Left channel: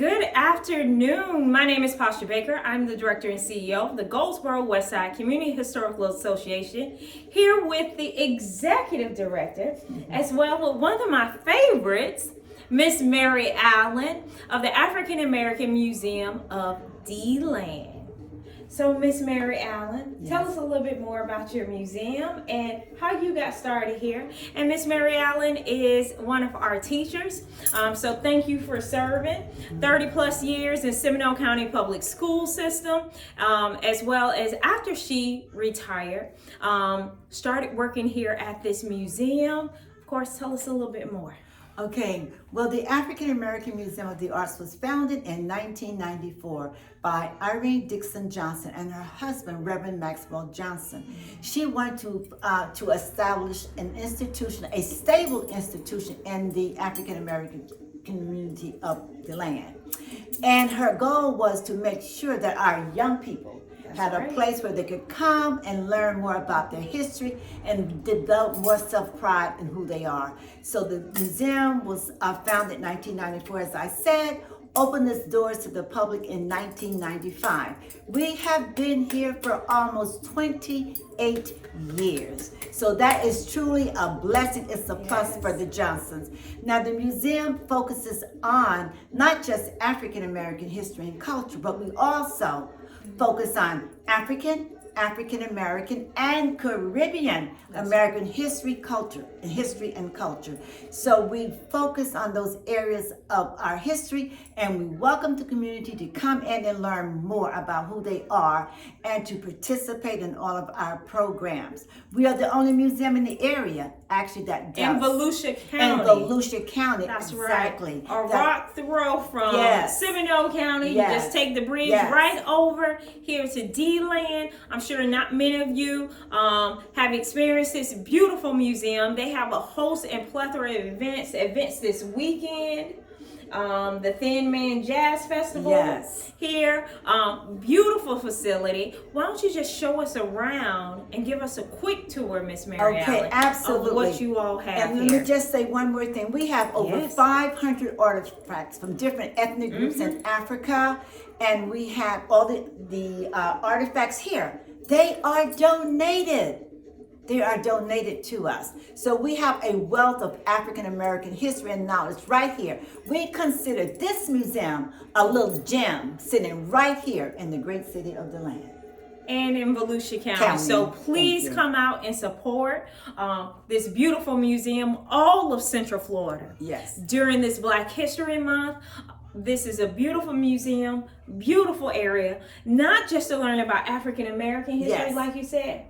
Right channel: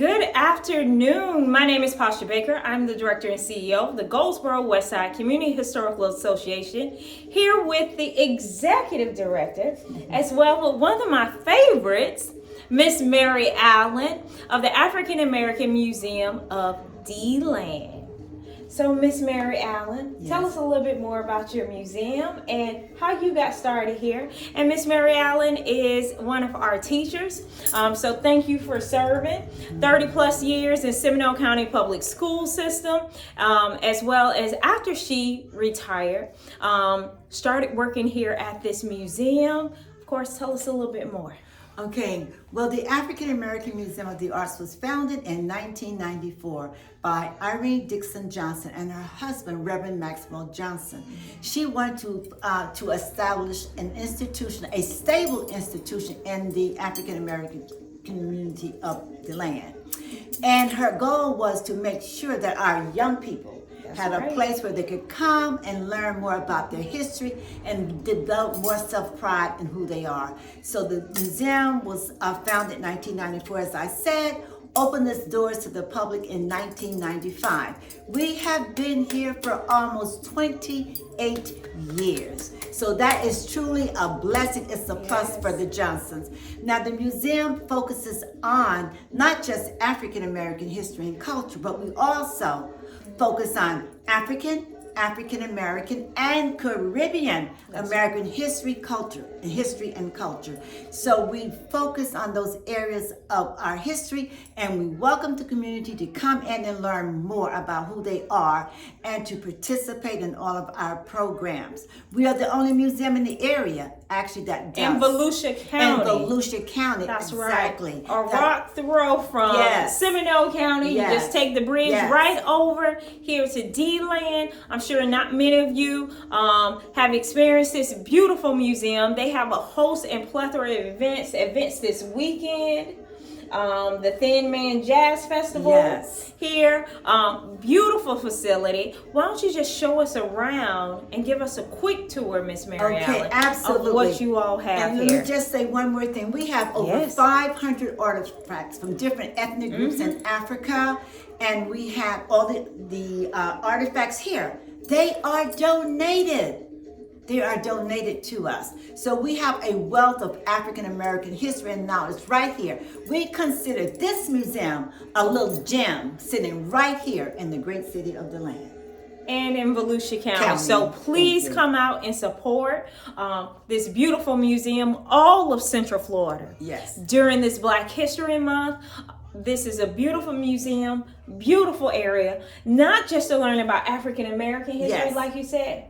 Good afternoon. My name is Pasha Baker. I'm the Director and CEO of the Goldsboro Westside Community Historical Association, here with the Executive Director, as well as one of my favorites, Miss Mary Allen of the African American Museum of DeLand. So, Miss Mary Allen, tell us a little bit more about your museum and how you got started here. And Miss Mary Allen is one of our teachers, so thank you for serving 30 plus years in Seminole County Public School System, as well as after she retired, started working here at this museum. Of course, tell us a little bit more. Okay, well, the African American Museum of the Arts was founded in 1994 by Irene Dixon Johnson and her husband, Reverend Maxwell Johnson. She wanted to establish an institution, a stable institution in the African American community of the land. And her goal was to make sure that our young people had a place where they could come and learn more about their history and develop more self-pride in who they are. So the museum was founded in 1994, as I said, opened its doors to the public in 1995. We have been here for almost 28 years. So that is truly a blessing. It's a plus for the Johnsons. Now, the museum focuses on not just African American history and culture, but we also focus on African American, and Caribbean American history and culture. So we focus on those areas of our history, and we welcome the community to come in and learn more about who they are and to participate in all of our programs. We are the only museum in the area, actually, that does. In Volusia County. In Volusia County, that's exactly. Right. Rock throw from Seminole County. You just take the bridge right over here to DeLand. I'm sure not many of you have experienced this beautiful museum. They have a host and plethora of events this weekend. The Thin Man Jazz Festival here. Beautiful facility. Why don't you just show us around and give us a quick tour, Miss Mary Allen, Okay, absolutely. of what you all have and here. let me just say one more thing. We have over 500 artifacts from different ethnic groups in Africa, and we have all the artifacts here. They are donated. They are donated to us. So we have a wealth of African American history and knowledge right here. We consider this museum a little gem sitting right here in the great city of DeLand. And in Volusia County. So please come out and support this beautiful museum, all of Central Florida. Yes. During this Black History Month. This is a beautiful museum, beautiful area, not just to learn about African American history, like you said.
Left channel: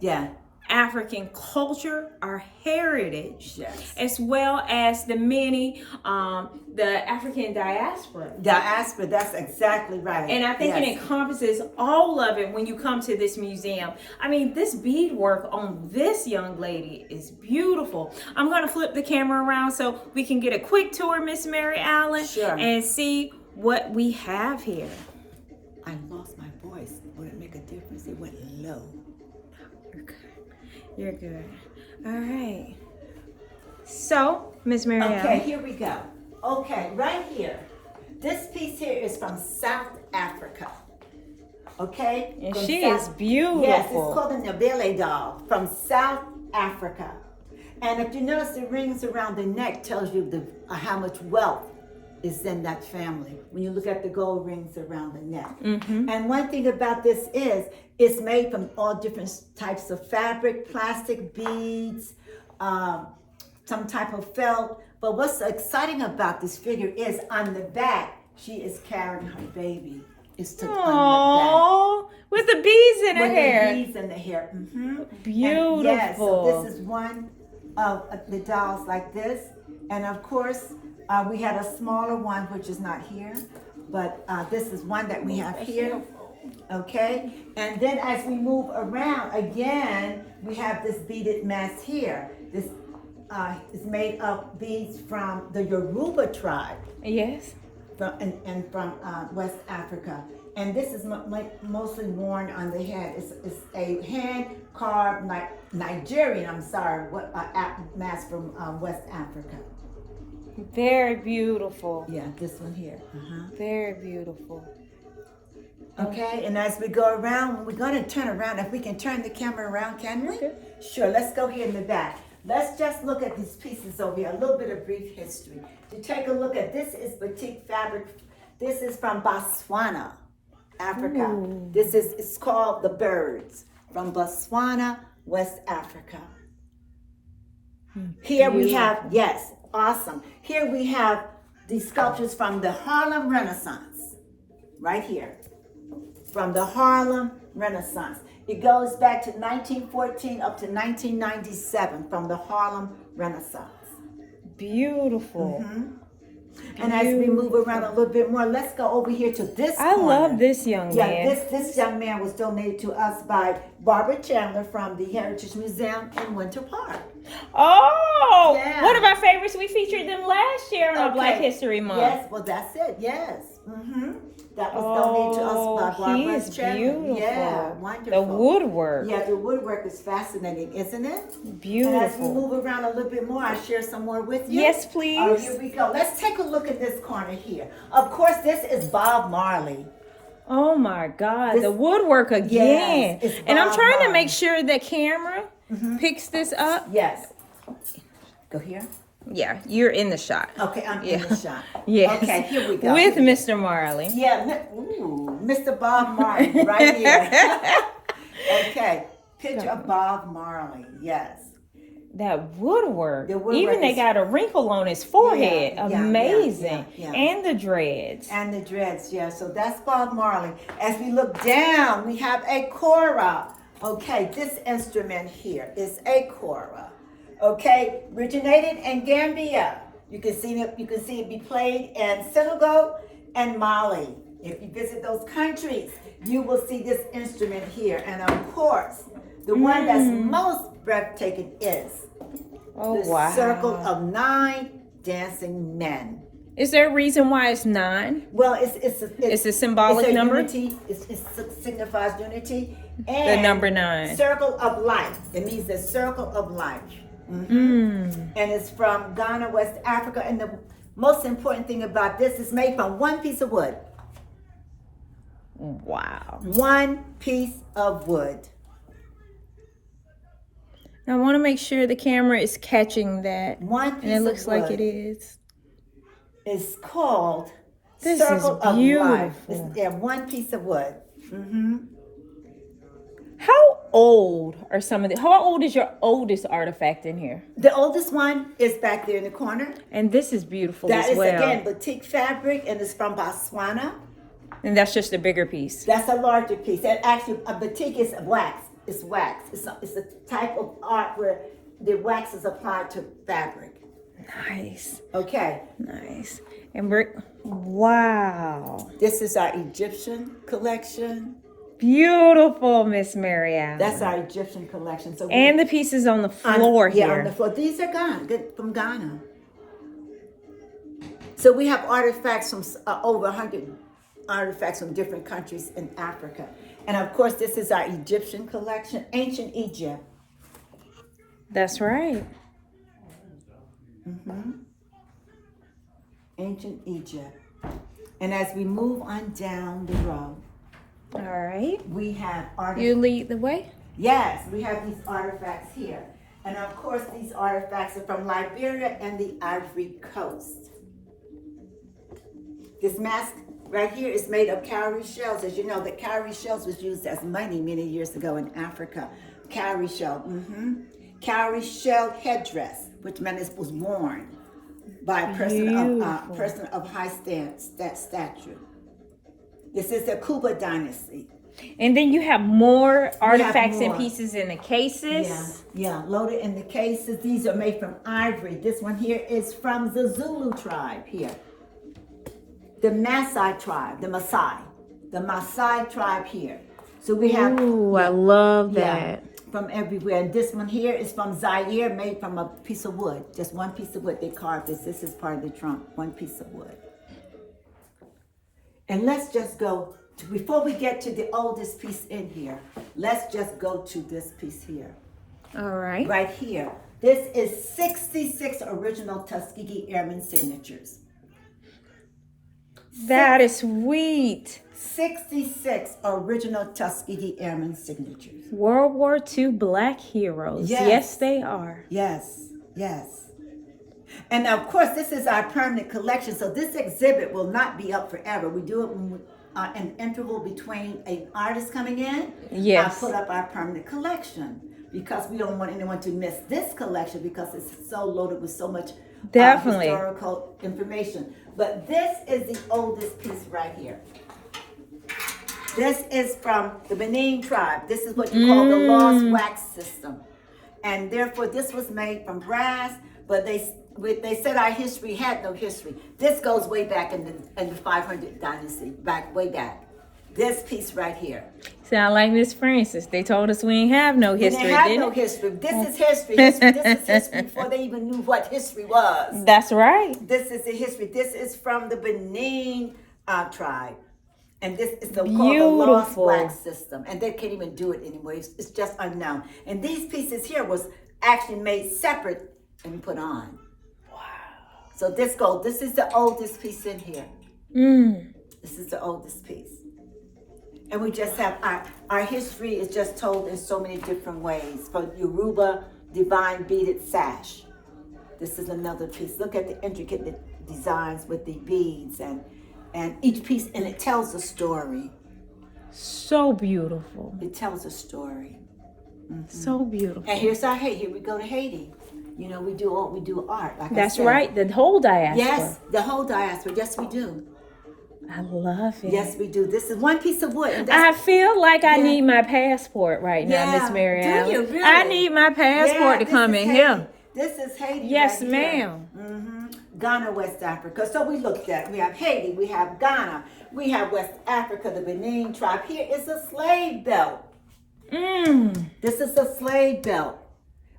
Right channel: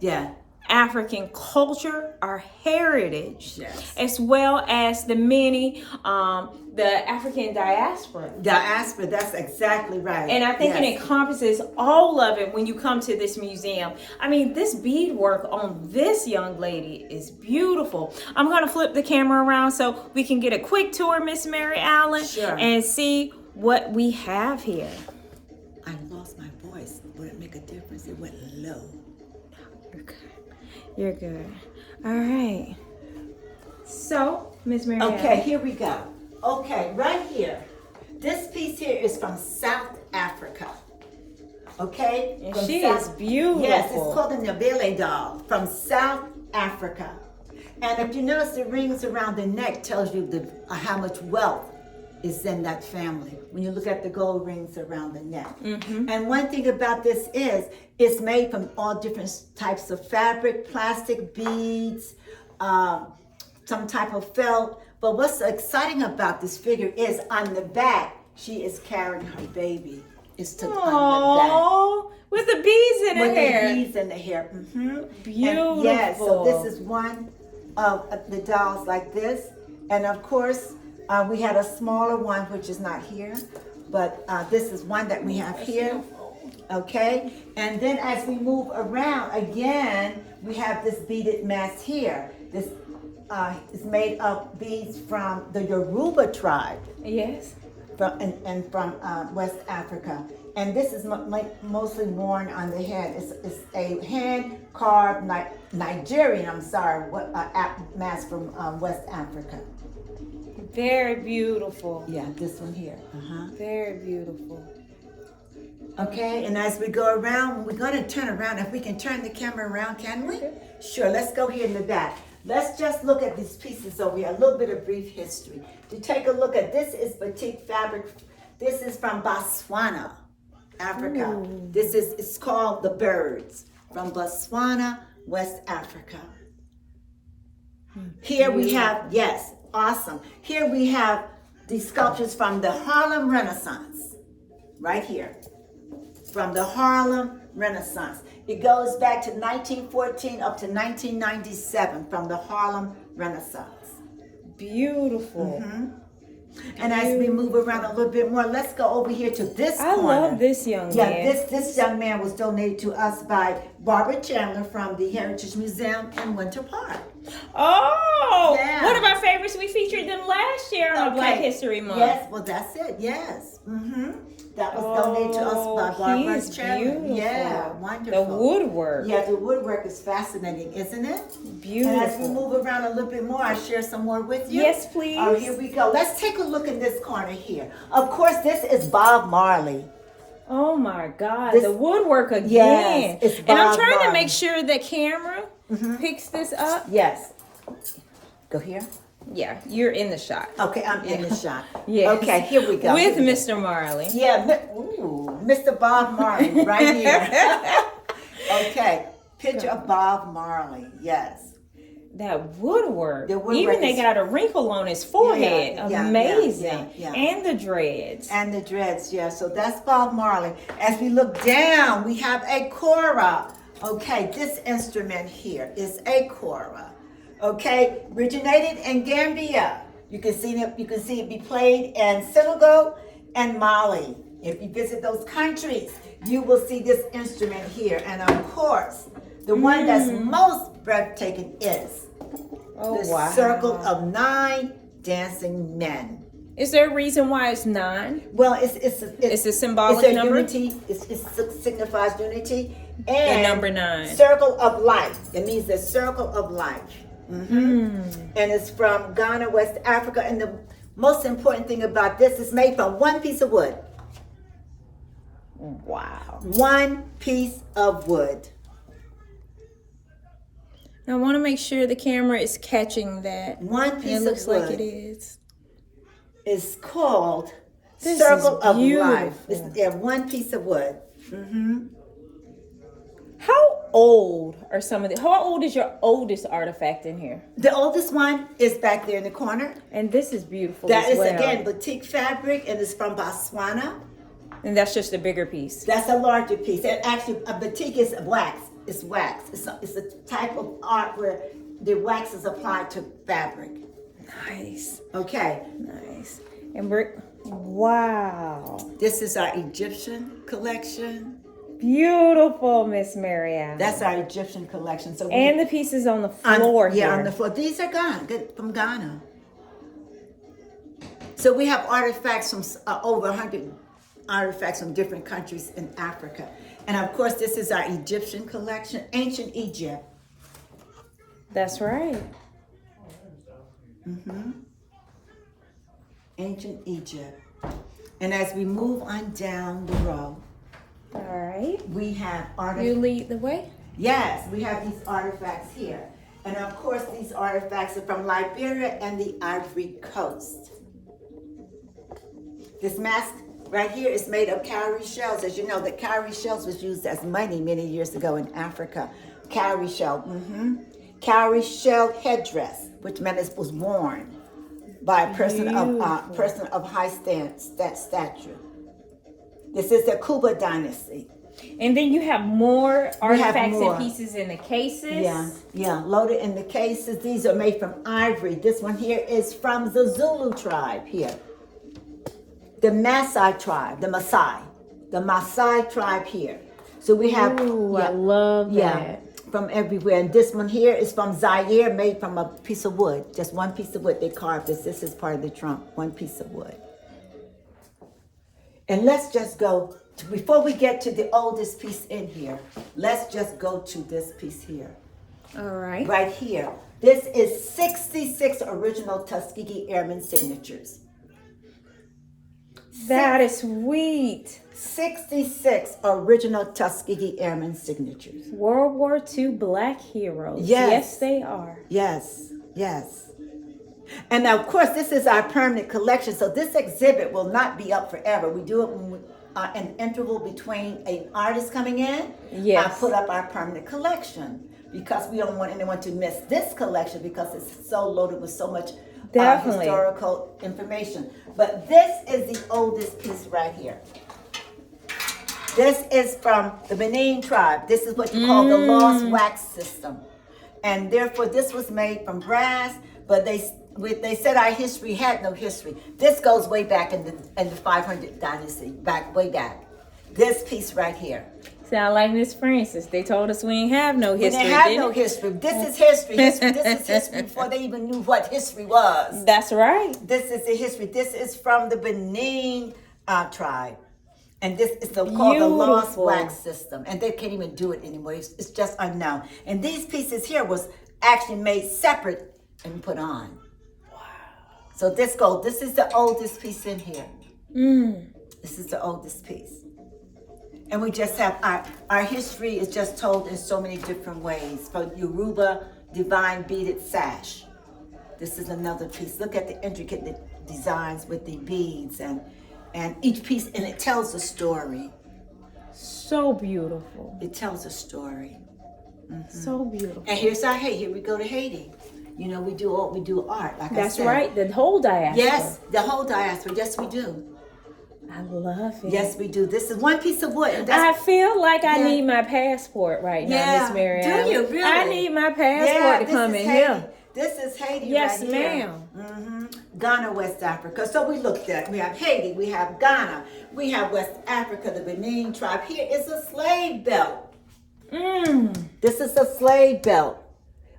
African culture, our heritage, as well as the many, the African diaspora. Diaspora, that's exactly right. And I think it encompasses all of it when you come to this museum. I mean, this beadwork on this young lady is beautiful. I'm going to flip the camera around so we can get a quick tour, Miss Mary Allen, and see what we have here. I lost my voice. Would it make a difference? It went low. You're good. All right. So, Miss Mary Allen. Okay, here we go. Okay, right here. This piece here is from South Africa. Okay? And she is beautiful. Yes, it's called the Neville doll from South Africa. And if you notice, the rings around the neck tells you how much wealth is in that family when you look at the gold rings around the neck. And one thing about this is it's made from all different types of fabric, plastic beads, some type of felt. But what's exciting about this figure is on the back, she is carrying her baby. It's tucked on the back. With the beads in her hair. With the beads in the hair. Beautiful. And so this is one of the dolls like this. And of course, we had a smaller one, which is not here, but this is one that we have here. Okay, and then as we move around again, we have this beaded mask here. This is made of beads from the Yoruba tribe. From West Africa. And this is mostly worn on the head. It's a hand-carved Nigerian, mask from West Africa. Very beautiful. Yeah, this one here. Very beautiful. Okay, and as we go around, we're going to turn around. If we can turn the camera around, can we? Okay. Sure, let's go here in the back. Let's just look at these pieces over here, a little bit of brief history. To take a look at, this is batik fabric. This is from Botswana, Africa. This is, it's called The Birds, from Botswana, West Africa. Here we have, yes, awesome. Here we have these sculptures from the Harlem Renaissance, right here. From the Harlem Renaissance. It goes back to 1914 up to 1997 from the Harlem Renaissance. Beautiful. And as we move around a little bit more, let's go over here to this corner. I love this young man. Yeah, this young man was donated to us by Barbara Chandler from the Heritage Museum in Winter Park. Oh, Yeah. one of our favorites. We featured them last year on Black History Month. Yes, well, that's it. Yes. That was donated to us by Barbara he's Chandler. beautiful. Yeah, wonderful. The woodwork. Yeah, the woodwork is fascinating, isn't it? Beautiful. And as we move around a little bit more, I'll share some more with you. Yes, please. Oh, here we go. Let's take a look in this corner here. Of course, this is Bob Marley. Oh my God, This- the woodwork again. Yes, it's and I'm Bob trying to Marley. make sure the camera picks this up. Yes. Go here. Yeah, you're in the shot. Okay, I'm in the shot. Yes. Okay, here we go. With Here we go. Mr. Marley. Yeah, Mr. Bob Marley, right here. Okay, picture of Bob Marley, yes. That woodwork. The woodwork Even they is- got a wrinkle on his forehead. Yeah, Amazing. yeah. And the dreads. And the dreads, yeah, so that's Bob Marley. As we look down, we have a kora. Okay, this instrument here is a kora. Okay, originated in Gambia. You can see it be played in Senegal and Mali. If you visit those countries, you will see this instrument here. And of course, the one that's most breathtaking is the Circle of 9 Dancing Men. Is there a reason why it's 9? Well, it's a symbolic it's a number? unity. It signifies unity and The number 9. Circle of life. It means the circle of life. And it's from Ghana, West Africa. And the most important thing about this is made from one piece of wood. Wow. One piece of wood. I want to make sure the camera is catching that. One And piece it looks of wood like it is. is called This Circle is of beautiful. Life. It's one piece of wood. How old are some of the? How old is your oldest artifact in here? The oldest one is back there in the corner. And this is beautiful That as is, well. again, batik fabric, and it's from Botswana. And that's just a bigger piece. That's a larger piece. And actually, a batik is wax. It's wax. It's a type of art where the wax is applied to fabric. Nice. Okay. Nice. And we're, wow. This is our Egyptian collection. Beautiful, Miss Marianne. That's our Egyptian collection. So And the pieces on the floor here. Yeah, on the floor. These are from Ghana. So we have artifacts from over 100 artifacts from different countries in Africa. And of course, this is our Egyptian collection, ancient Egypt. That's right. Ancient Egypt. And as we move on down the row, All right. we have artifacts. You lead the way. Yes, we have these artifacts here. And of course, these artifacts are from Liberia and the Ivory Coast. This mask right here is made of cowrie shells. As you know, the cowrie shells was used as money many years ago in Africa. Cowrie shell. Cowrie shell headdress, which meant it was worn by a person of high stature. This is the Kuba dynasty. And then you have more artifacts more. and pieces in the cases. Yeah, loaded in the cases. These are made from ivory. This one here is from the Zulu tribe here. The Maasai tribe, the Maasai tribe here. So we have, Ooh, I love that. from everywhere. And this one here is from Zaire, made from a piece of wood. Just one piece of wood. They carved this. This is part of the trunk, one piece of wood. And let's just go, before we get to the oldest piece in here, let's just go to this piece here. All right. Right here. This is 66 original Tuskegee Airmen signatures. That is sweet. 66 original Tuskegee Airmen signatures. World War II Black heroes. Yes, they are. Yes, yes. And now, of course, this is our permanent collection, so this exhibit will not be up forever. We do it when we, an interval between an artist coming in. Yes. I put up our permanent collection because we don't want anyone to miss this collection because it's so loaded with so much historical information. But this is the oldest piece right here. This is from the Benin tribe. This is what you call the lost wax system. And therefore, this was made from brass, but they said our history had no history. This goes way back in the 500 dynasty, way back. This piece right here. Sound like Miss Francis. They told us we ain't have no history. We didn't have no history. This is history. This is history before they even knew what history was. That's right. This is the history. This is from the Benin tribe. And this is called the lost wax system. And they can't even do it anymore. It's just unknown. And these pieces here was actually made separate and put on. Wow. So this is the oldest piece in here. This is the oldest piece. And we just have our history is just told in so many different ways. For Yoruba, divine beaded sash. This is another piece. Look at the intricate designs with the beads and each piece, and it tells a story. So beautiful. It tells a story. So beautiful. And here's our Haiti. Here we go to Haiti. You know, we do art, like I said. That's right, the whole diaspora. Yes, the whole diaspora. Yes, we do. I love it. Yes, we do. This is one piece of wood. And I feel like I need my passport right now, Miss Mary Allen. Do you really? I need my passport to come in here. This is Haiti. Yes, right here. ma'am. Ghana, West Africa. So we looked at, we have Haiti, we have Ghana, we have West Africa, the Benin tribe. Here is a slave belt. This is a slave belt.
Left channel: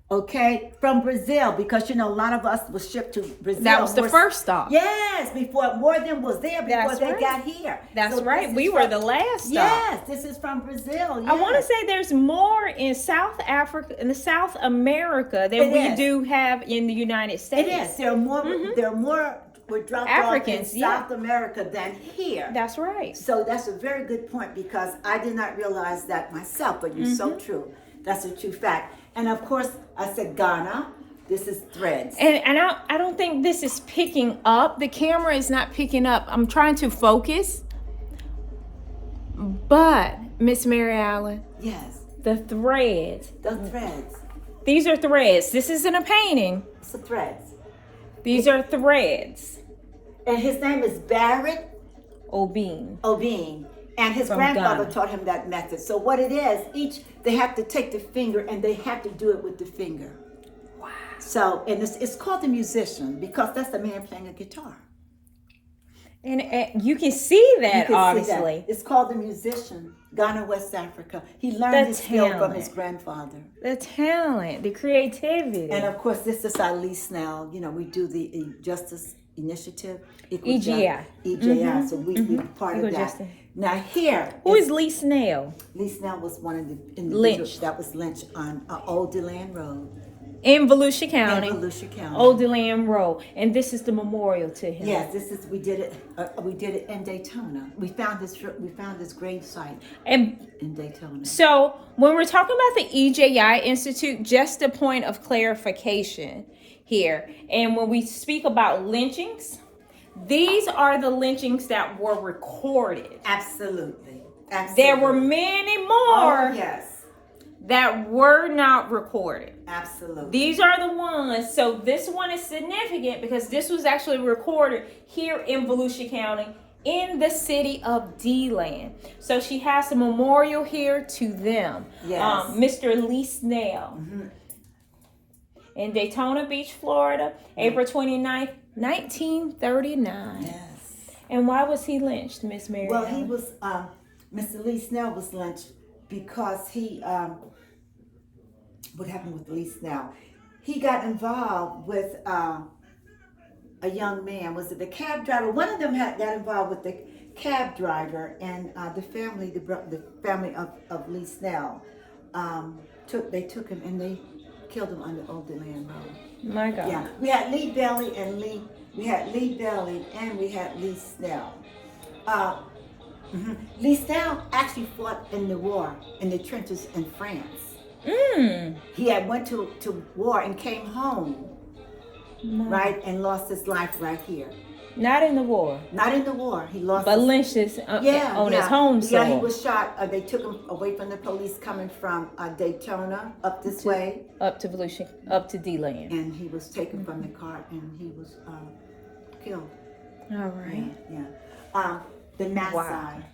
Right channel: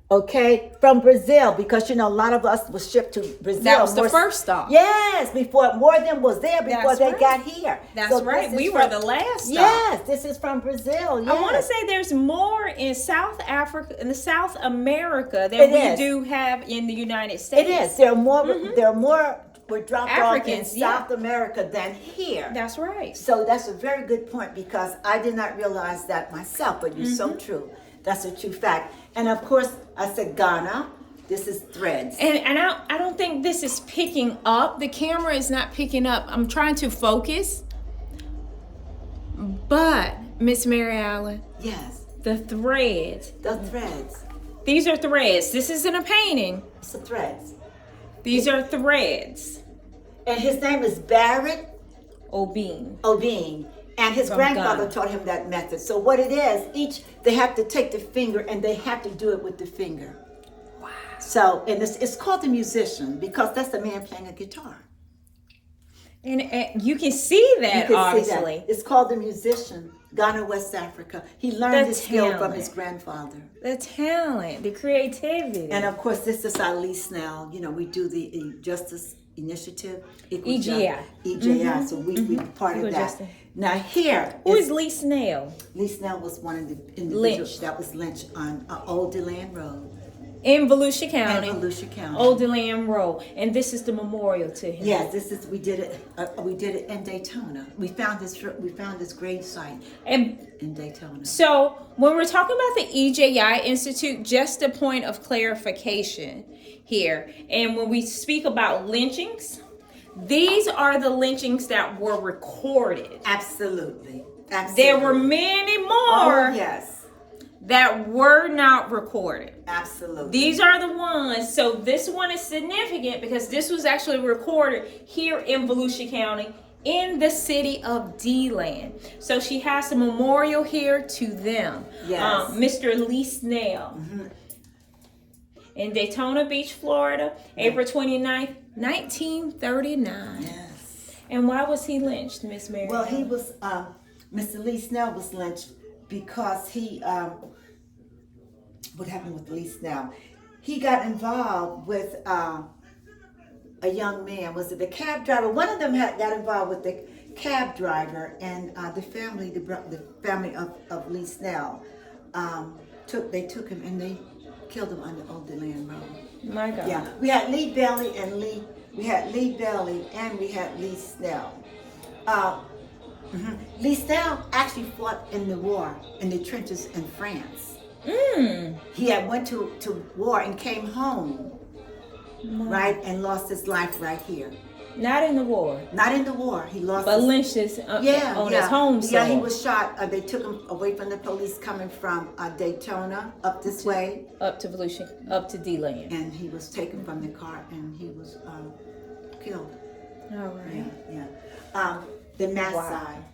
Okay, from Brazil, because you know a lot of us was shipped to Brazil. That was the first stop. Yes, before more of them was there before they got here. That's right. We were the last stop. Yes, this is from Brazil. Yes. I want to say there's more in South Africa, in South America, than we do have in the United States. It is. There are more. There are more. Were dropped off in South America than here. That's right. So that's a very good point because I did not realize that myself, but you're so true. That's a true fact. And of course, I said Ghana. This is threads. And I don't think this is picking up. The camera is not picking up. I'm trying to focus. But, Miss Mary Allen. Yes. The threads. The threads. These are threads. This isn't a painting. It's the threads. These are threads. And his name is Barrett Obing. And his grandfather taught him that method. So what it is, they have to take the finger and they have to do it with the finger. Wow. So, and it's called the musician because that's the man playing a guitar. And you can see that, obviously. See that. It's called the musician, Ghana, West Africa. He learned the skill from his grandfather. The talent, the creativity. And of course, this is our Lee Snell. You know, we do the Justice Initiative. EJI. EJI. So we part of that. Now here. Who is Lee Snell? Lee Snell was one of the individuals that was lynched on Old DeLand Road. In Volusia County. Old DeLand Road. And this is the memorial to him. Yes, we did it in Daytona. We found this grave site in Daytona. So when we're talking about the EJI Institute, just a point of clarification here. And when we speak about lynchings, these are the lynchings that were recorded. Absolutely. There were many more that were not recorded. Absolutely. These are the ones. So this one is significant because this was actually recorded here in Volusia County in the city of DeLand. So she has a memorial here to them. Yes. Mr. Lee Snell. In Daytona Beach, Florida, April 29th, 1939. Yes. And why was he lynched, Miss Mary? Well, he was, Mr. Lee Snell was lynched because he, what happened with Lee Snell? He got involved with a young man. Was it the cab driver? One of them got involved with the cab driver, and the family of Lee Snell, they took him and they killed him on the old DeLand Road. My God. Yeah, we had Lee Bailey and Lee Snell. Lee Snell actually fought in the war in the trenches in France. He had went to war and came home, right, and lost his life right here. Not in the war. Not in the war. He lost. But lynched his on his home soil. Yeah, he was shot. They took him away from the police coming from Daytona up this way. Up to Volusia, up to DeLand. And he was taken from the car and he was killed. All right. Yeah. The Maasai.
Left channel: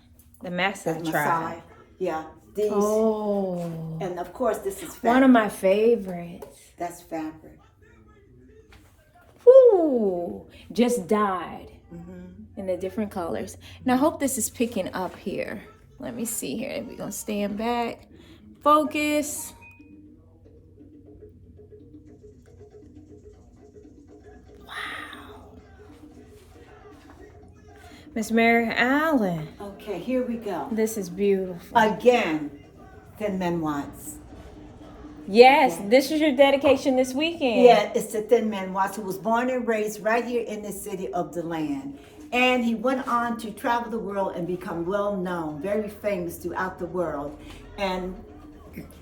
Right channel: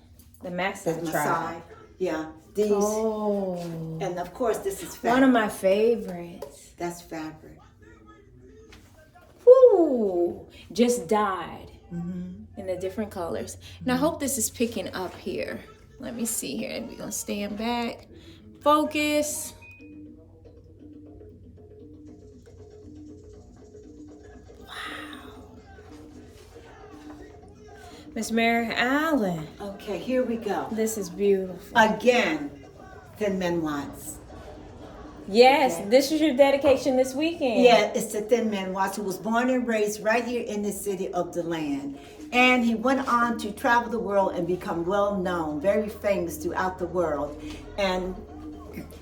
The Maasai tribe. Yeah. These. Oh. And of course, this is fabric. One of my favorites. That's fabric. Ooh, just dyed in the different colors. Now, I hope this is picking up here. Let me see here. We're going to stand back. Focus. Wow. Miss Mary Allen. Okay, here we go. This is beautiful. Again, Thin Men Watts. Yes, okay. This is your dedication this weekend. Yeah, it's to Thin Man Watts, who was born and raised right here in the city of DeLand. And he went on to travel the world and become well known, very famous throughout the world. And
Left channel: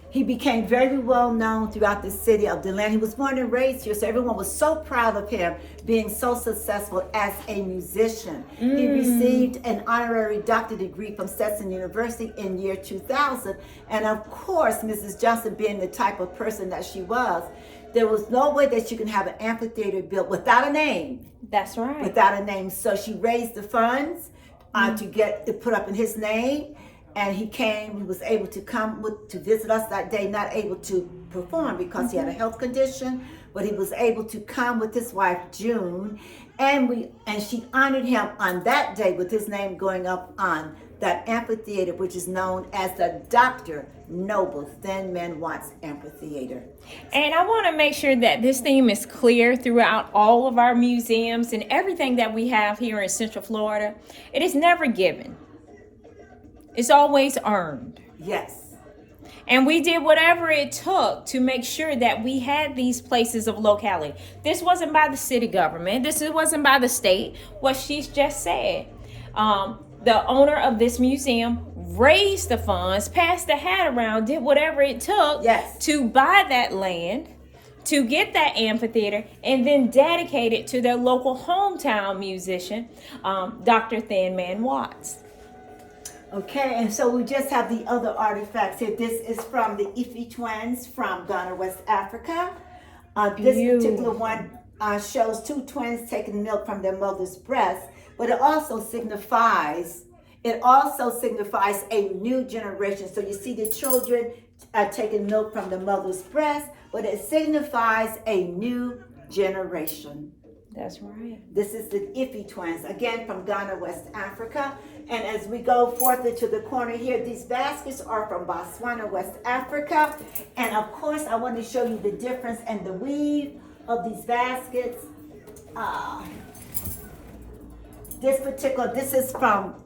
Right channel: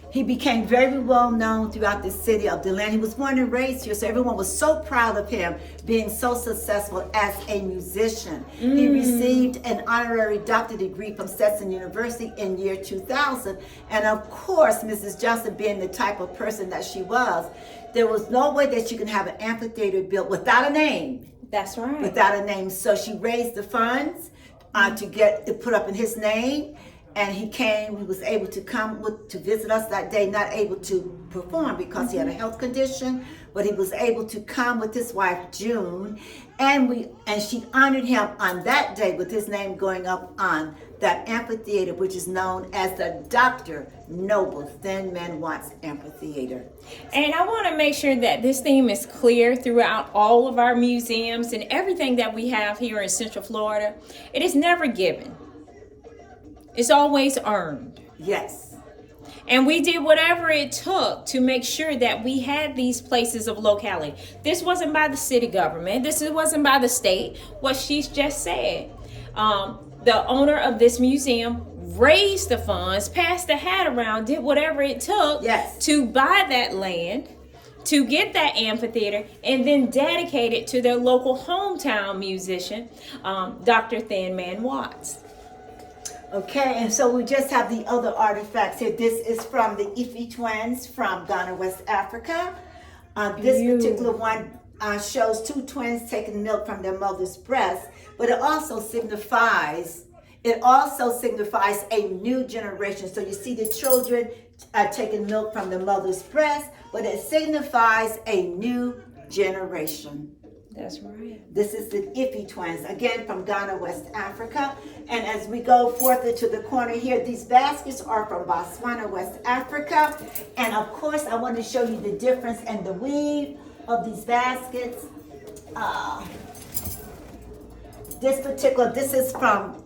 he became very well known throughout the city of DeLand. He was born and raised here, so everyone was so proud of him being so successful as a musician. He received an honorary doctorate degree from Stetson University in year 2000. And of course, Mrs. Johnson, being the type of person that she was, there was no way that she could have an amphitheater built without a name. That's right. Without a name. So she raised the funds to get it put up in his name. And he was able to come to visit us that day, not able to perform because he had a health condition, but he was able to come with his wife, June, and she honored him on that day with his name going up on that amphitheater, which is known as the Dr. Noble Thin Man Watts Amphitheater. And I want to make sure that this theme is clear throughout all of our museums and everything that we have here in Central Florida. It is never given. It's always earned. Yes. And we did whatever it took to make sure that we had these places of locality. This wasn't by the city government. This wasn't by the state. What she's just said. The owner of this museum raised the funds, passed the hat around, did whatever it took to buy that land, to get that amphitheater, and then dedicate it to their local hometown musician, Dr. Thin Man Watts. Okay, and so we just have the other artifacts here. This is from the Ife twins from Ghana, West Africa. This particular one shows two twins taking milk from their mother's breast, but it also signifies a new generation. So you see the children taking milk from the mother's breast, but it signifies a new generation. That's right. This is the Ife twins, again from Ghana, West Africa. And as we go forth into the corner here, these baskets are from Botswana, West Africa. And of course, I want to show you the difference and the weave of these baskets. This is from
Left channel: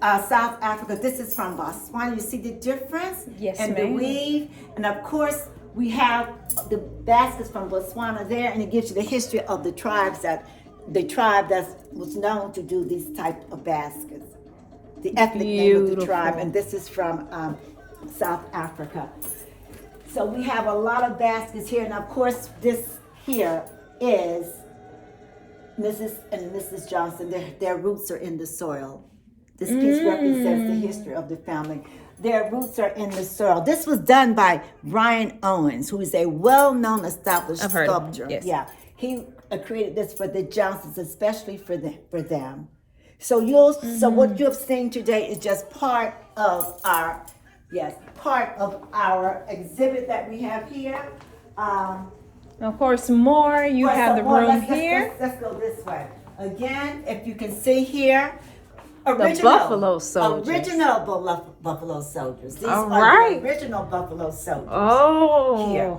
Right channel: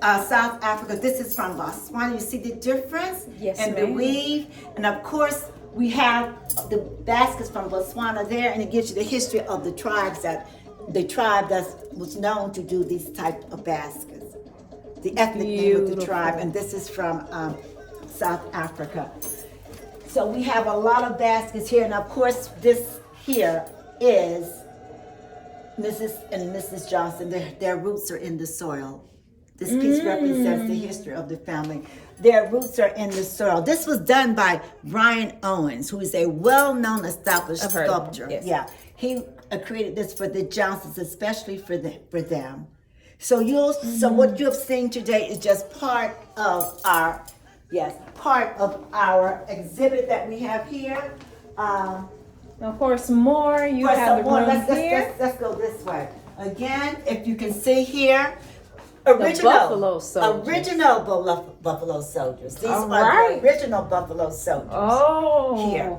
South Africa. This is from Botswana. You see the difference? Yes, and the weave. And of course, we have the baskets from Botswana there, and it gives you the history of the tribe that was known to do these type of baskets. The ethnic name of the tribe, and this is from South Africa. So we have a lot of baskets here, and of course this here is Mrs. and Mrs. Johnson. Their roots are in the soil. This piece represents the history of the family. Their roots are in the soil. This was done by Brian Owens, who is a well-known established sculptor. Yes. Yeah, he created this for the Johnsons, especially for them. So so what you've seen today is just part of our exhibit that we have here. Of course, more. You have the room here. Let's go this way. Again, if you can see here, original buffalo soldiers. These are the original buffalo soldiers. Oh, here.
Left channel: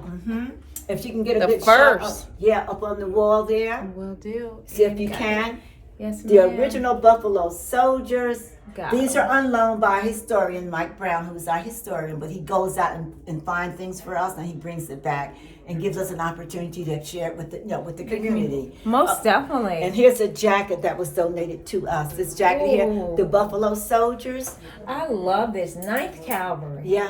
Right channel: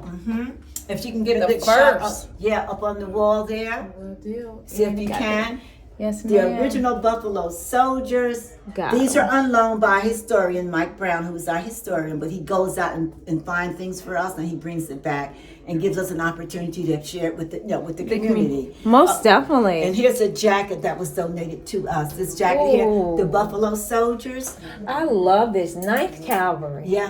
If you can get a good shot up on the wall there. Will do. See if you can. Yes, The ma'am. original Buffalo Soldiers. Got These it. are unloaned by historian Mike Brown, who's our historian, but he goes out and finds things for us, and he brings it back and gives us an opportunity to share it with the community. Most definitely. And here's a jacket that was donated to us. This jacket here, Ooh. the Buffalo Soldiers. I love this. 9th Cavalry. Yeah,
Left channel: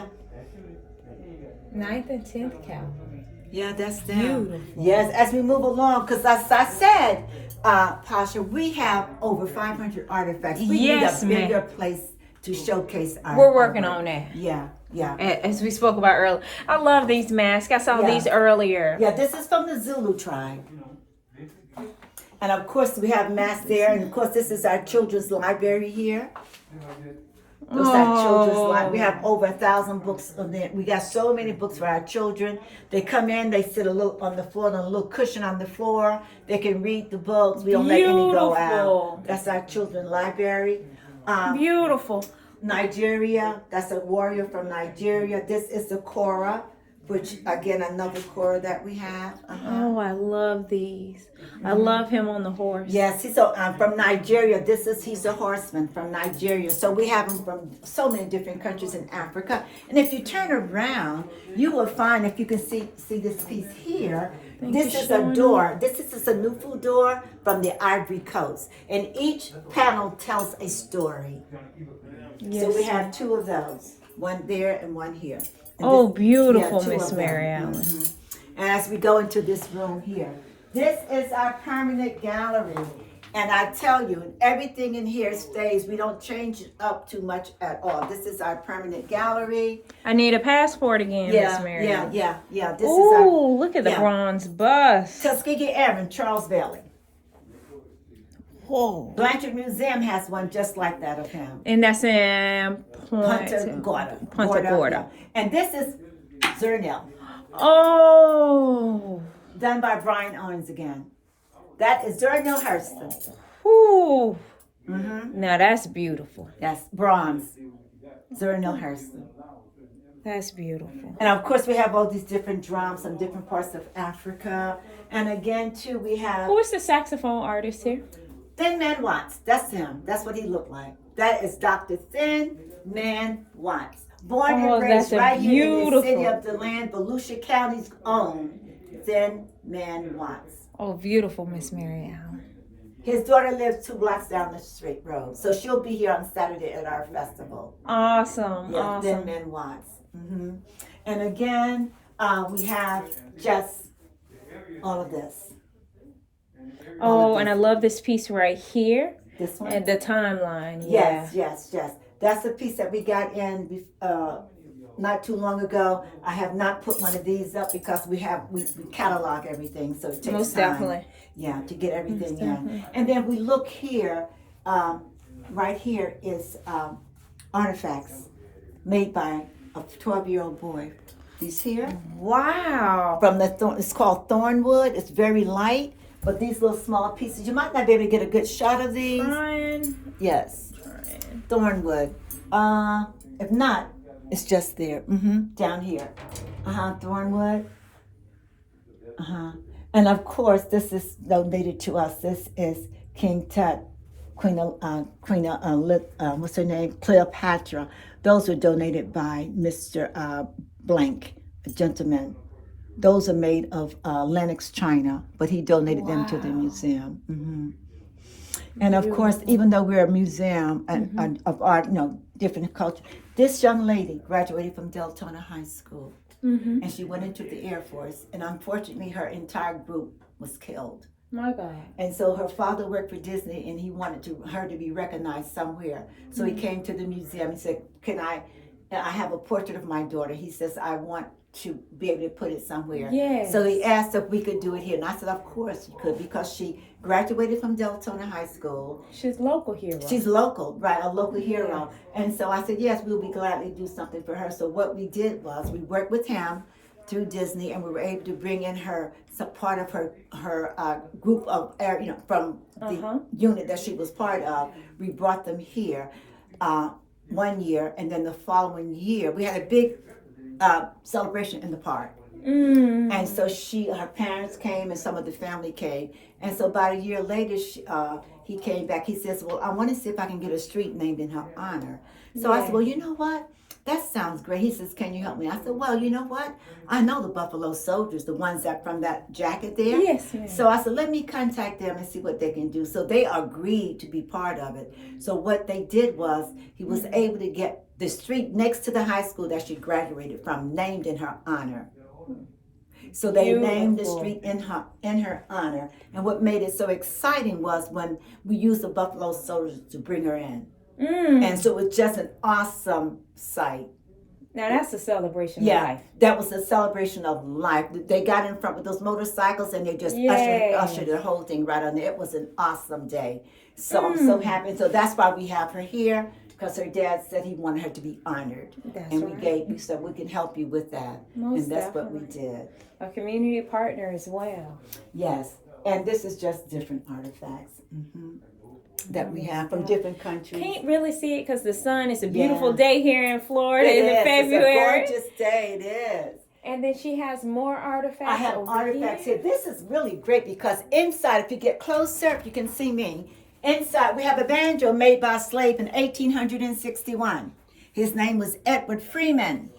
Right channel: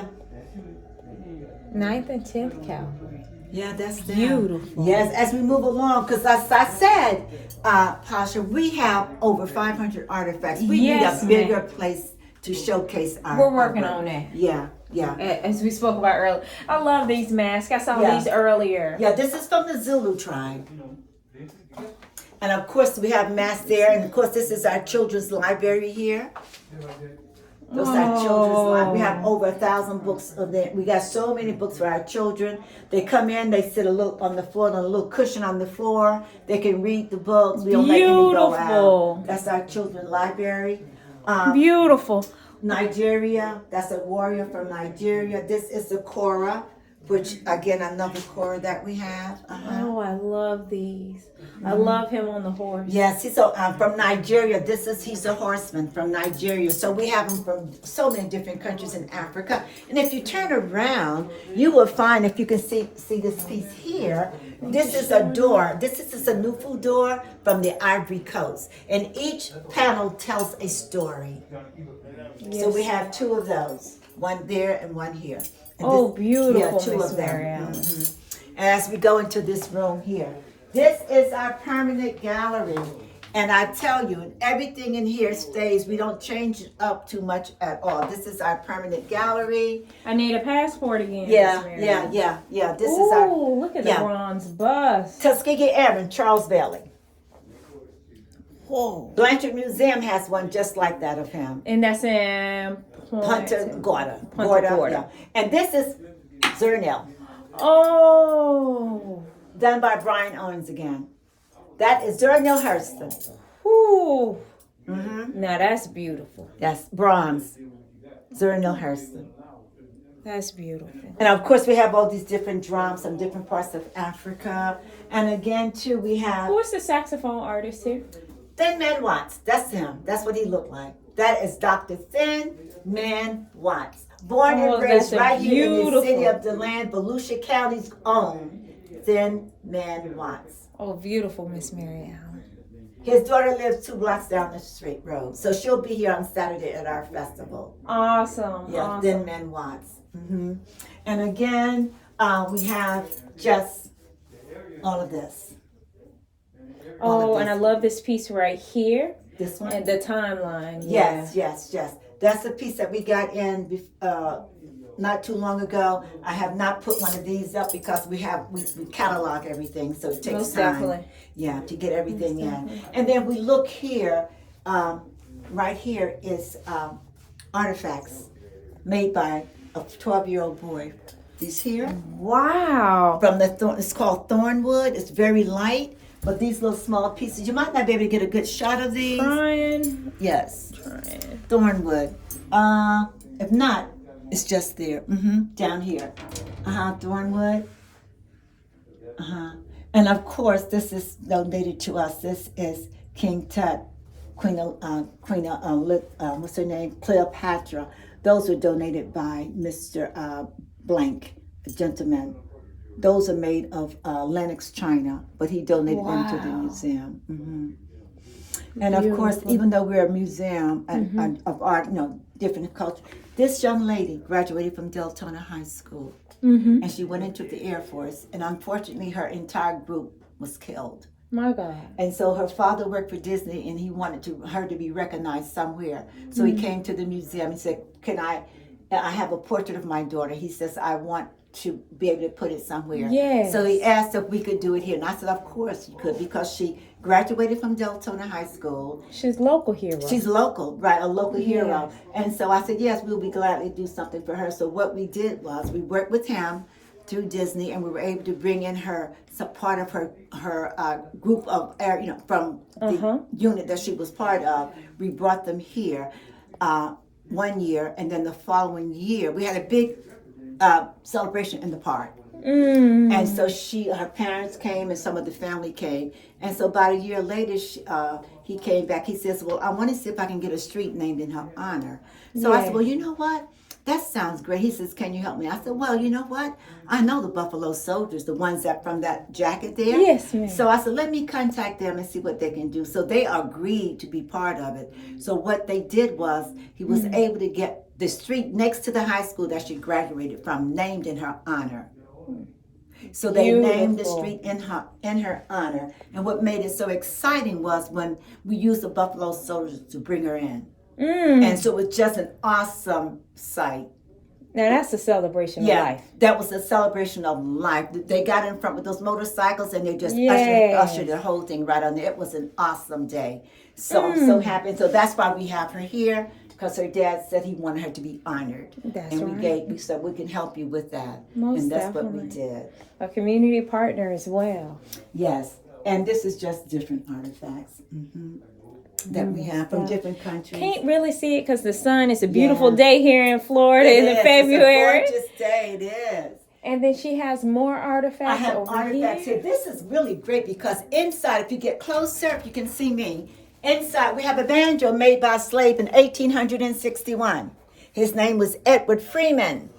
9th and 10th Cavalry. yeah, that's them. Beautiful. Yes, as we move along, because as I said, Pasha, we have over 500 artifacts. We Yes, need a bigger place to showcase our. We're working our work. on that. Yeah, yeah. As we spoke about earlier. I love these masks. I saw Yeah. these earlier. Yeah, this is from the Zulu tribe. And of course, we have masks there. And of course, this is our children's library here. This is our children's library. We have over 1,000 books of them. We got so many books for our children. They come in, they sit a little on the floor, on a little cushion on the floor. They can read the books. We don't let any go out. Beautiful. That's our children's library. Beautiful. Nigeria, that's a warrior from Nigeria. This is the Kora, which again, another Kora that we have. Oh, I love these. I love him on the horse. Yes, he's from Nigeria. He's a horseman from Nigeria. So we have him from so many different countries in Africa. And if you turn around, you will find, if you can see this piece here, this is a door. This is a Nufu door from the Ivory Coast. And each panel tells a story. So we have 2 of those, one there and one here. And Oh, this- beautiful, two Miss of them. Miriam. Mhm. And as we go into this room here, this is our permanent gallery. And I tell you, everything in here stays. We don't change it up too much at all. This is our permanent gallery. I need a passport again, Yeah, Miss Miriam. yeah. This is our Ooh, look at the yeah. bronze bust. Tuskegee Airmen, Charles Bailey. Whoa. Blanchard Museum has one just like that of him. And that's in Punta Gorda. Gorda. Yeah. And this is Zernil, Oh. done by Brian Owens again. That is Zernil Hurston. Ooh. Mm-hmm. Now that's beautiful. That's bronze. Zernil Hurston. That's beautiful. And of course, we have all these different drums from different parts of Africa. And again, too, we have Who is the saxophone artist here? Thin Man Watts. That's him. That's what he looked like. That is Dr. Thin Man Watts. Born Oh, and raised that's right here in the city beautiful. of DeLand, Volusia County's own Thin Man Watts. Oh, beautiful, Miss Miriam. His daughter lives 2 blocks down the straight road. So she'll be here on Saturday at our festival. Awesome. Yeah, Awesome. Thin Man Watts. Mm-hmm. And again, we have just all of this. Oh, and I love this piece right here. This one? And the timeline. Yes. That's a piece that we got in not too long ago. I have not put one of these up because we catalog everything, so it takes Most time. definitely. Yeah, to get everything in. And then we look here. Right here is artifacts made by a 12-year-old boy. These here Wow. from it's called Thornwood. It's very light, but these little small pieces. You might not be able to get a good shot of these. Trying. Yes. Thornwood. If not, it's just there. Down here. Thornwood. And of course, this is donated to us. This is King Tut, what's her name? Cleopatra. Those were donated by Mr. Blank, a gentleman. Those are made of Lenox china, but he donated them to the museum. And of course, even though we're a museum of art, different culture, this young lady graduated from Deltona High School, and she went into the Air Force, and unfortunately, her entire group was killed. My God. And so her father worked for Disney, and he wanted her to be recognized somewhere. So he came to the museum and said, "Can I have a portrait of my daughter?" He says, "I want to be able to put it somewhere." Yes. So he asked if we could do it here. And I said, of course you could, because she graduated from Deltona High School. She's local hero. She's local, right, a local hero. And so I said, yes, we'll be gladly do something for her. So what we did was we worked with him through Disney, and we were able to bring in some part of her group of, from the unit that she was part of. We brought them here 1 year, and then the following year, we had a big celebration in the park. And so her parents came and some of the family came. And so about a year later, he came back. He says, well, I want to see if I can get a street named in her honor. So I said, well, you know what? That sounds great. He says, can you help me? I said, well, you know what? I know the Buffalo Soldiers, the ones that from that jacket there. Yes, ma'am. So I said, let me contact them and see what they can do. So they agreed to be part of it. So what they did was he was able to get the street next to the high school that she graduated from named in her honor. So they named the street in her honor. And what made it so exciting was when we used the Buffalo Soldiers to bring her in. And so it was just an awesome sight. Now that's a celebration of life. That was a celebration of life. They got in front with those motorcycles and they just ushered the whole thing right on there. It was an awesome day. So I'm so happy. So that's why we have her here, because her dad said he wanted her to be honored. We said we can help you with that. And that's what we did. A community partner as well. Yes. And this is just different artifacts. That we have from different countries. Can't really see it because the sun is a beautiful day here in Florida in February. It's a gorgeous day, it is. And then she has more artifacts. I have artifacts here. This is really great because inside, if you get closer, you can see me. Inside, we have a banjo made by a slave in 1861. His name was Edward Freeman.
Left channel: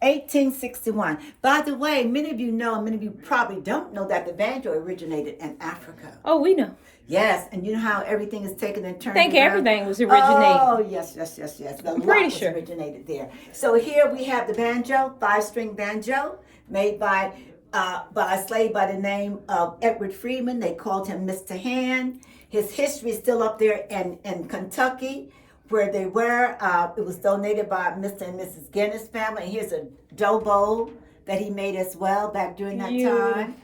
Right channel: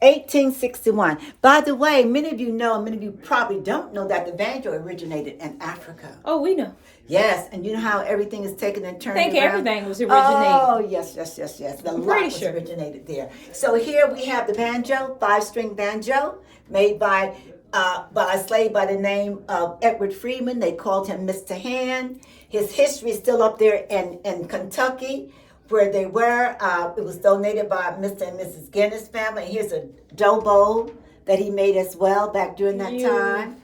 1861. By the way, many of you know, many of you probably don't know that the banjo originated in Africa. Oh, we know. Yes, and you know how everything is taken and turned around? I think everything was originated. Oh, yes. The lot was originated there. So here we have the banjo, 5-string banjo, made by a slave by the name of Edward Freeman. They called him Mr. Hand. His history is still up there in Kentucky, where they were. It was donated by Mr. and Mrs. Guinness family. And here's a dough bowl that he made as well back during that time.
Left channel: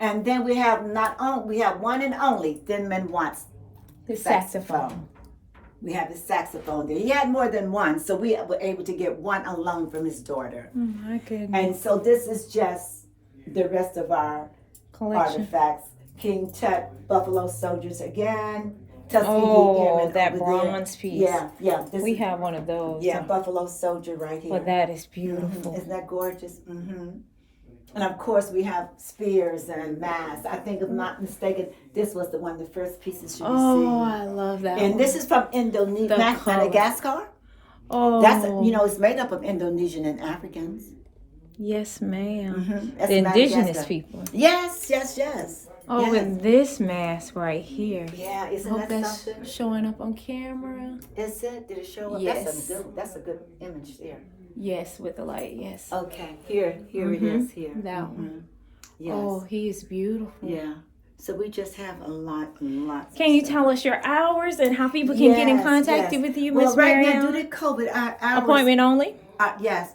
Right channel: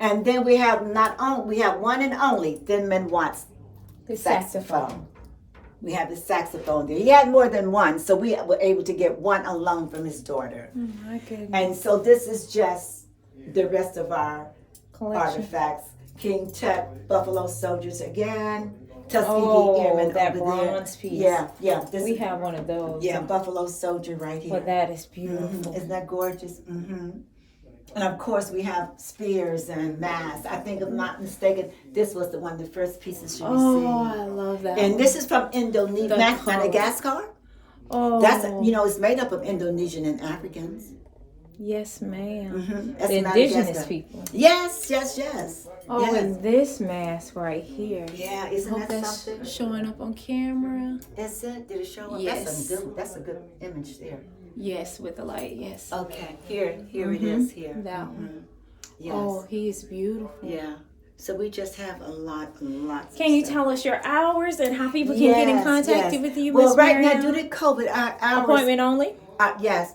And then we have one and only Thin Man Watts saxophone. We have the saxophone there. He had more than one, so we were able to get one alone from his daughter. Oh my goodness. And so this is just the rest of our artifacts. King Tut, Buffalo Soldiers again. Tuskegee Airmen that bronze piece. Yeah. We have one of those. Yeah, Buffalo Soldier right here. Well, that is beautiful. Isn't that gorgeous? And of course, we have spears and masks. I think, if I'm not mistaken, this was one of the first pieces you received. Oh, I love that. And this is from Madagascar. Oh, that's it's made up of Indonesian and Africans. Yes, ma'am. That's the indigenous people. Yes. Oh, yes. And this mask right here. Yeah, isn't that something? Showing up on camera. Is it? Did it show up? Yes. That's a good image there. Yes, with the light, yes. Okay, here it is here. That one. Yes. Oh, he is beautiful. Yeah. So we just have lots. Can you tell us your hours and how people can get in contact with you, Ms. Well, right Mariam? now, due to COVID, our hours... Appointment only? Yes.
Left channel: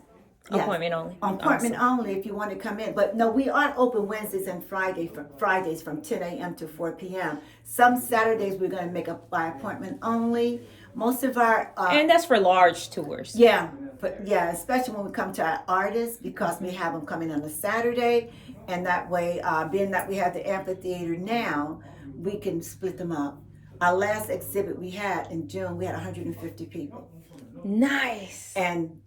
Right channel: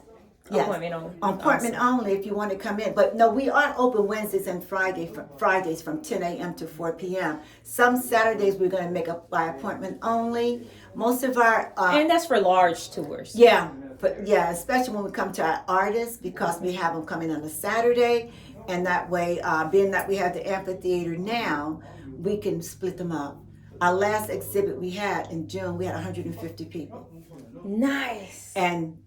Appointment only. Appointment only if you want to come in. But no, we are open Wednesdays and Fridays from 10 a.m. to 4 p.m. Some Saturdays we're going to make up by appointment only. Most of our... and that's for large tours. Yeah, especially when we come to our artists, because we have them coming on a Saturday. And that way, being that we have the amphitheater now, we can split them up. Our last exhibit we had in June, we had 150 people. Nice. And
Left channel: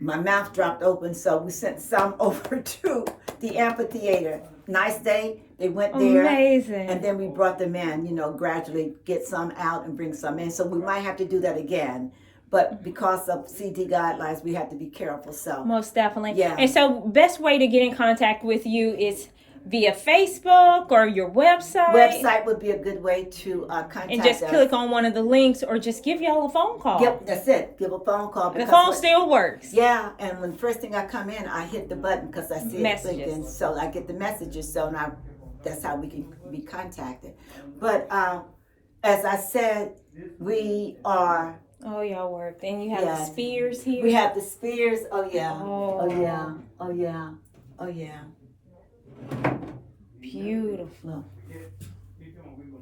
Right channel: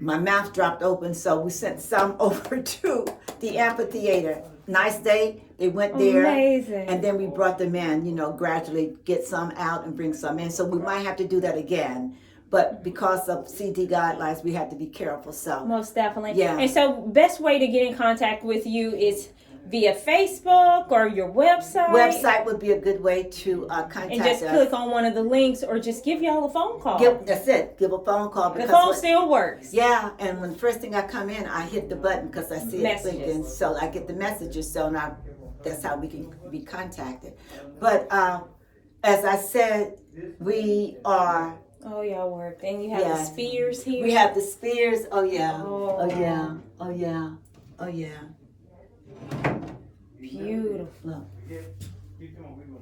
my mouth dropped open, so we sent some over to the amphitheater. Nice day. They went there. Amazing. And then we brought them in, gradually get some out and bring some in. So we might have to do that again. But because of CD guidelines, we have to be careful. So most definitely. Yeah. And so best way to get in contact with you is via Facebook or your website? Website would be a good way to contact us. And just click on one of the links or just give y'all a phone call. That's it. Give a phone call. The phone still works. Yeah, and when the first thing I come in, I hit the button because I see it blinking. So I get the messages. So now that's how we can be contacted. But as I said, we are... Oh, y'all work. And you have the spears here. We have the spears. Oh, yeah. Beautiful.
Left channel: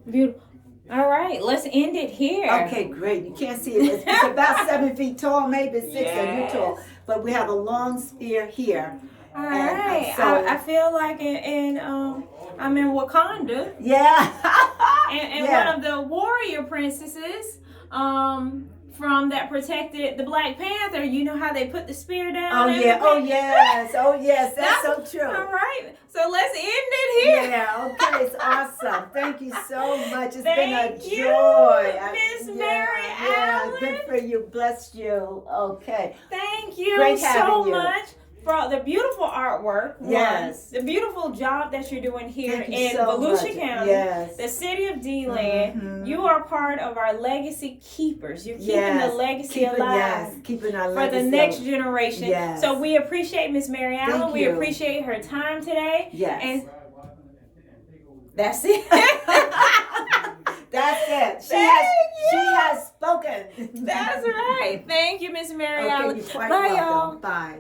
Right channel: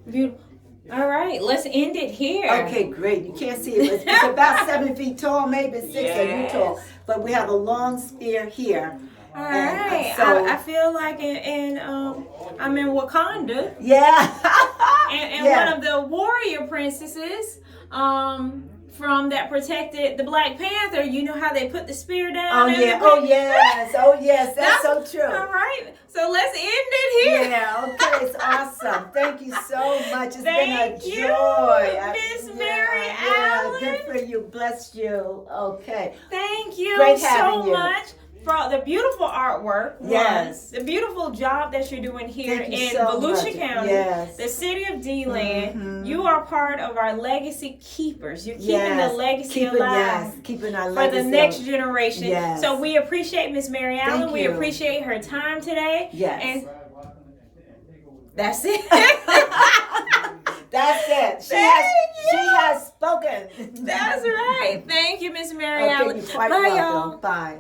Beautiful. All right, let's end it here. Okay, great. You can't see it. It's about 7 feet tall, maybe 6 feet tall. But we have a long spear here. All right. So, I feel like I'm in Wakanda. Yeah. and one of the warrior princesses from that protected the Black Panther. You know how they put the spear down? Oh and yeah, everything? oh yes, that's so true. All right, so let's end it here. Yeah, okay, it's awesome. Thank you so much. It's Thank been a you, joy. Miss Mary Yeah, Allen. good for you. Bless you. Okay. Thank you Great so having you. much for the beautiful artwork. Yes. The beautiful job that you're doing here Thank you in so Volusia much. County, Yes. the city of DeLand. Mhm. You are part of our legacy keepers. You're keeping the legacy alive. Keeping our For legacy the next generation. Yes. So we appreciate Miss Mary Allen. Thank We you. appreciate her time today. Yes. And that's it. That's it. She has spoken. That's right. Thank you, Miss Mary Okay, Allen. you're quite Bye, welcome. y'all. Bye.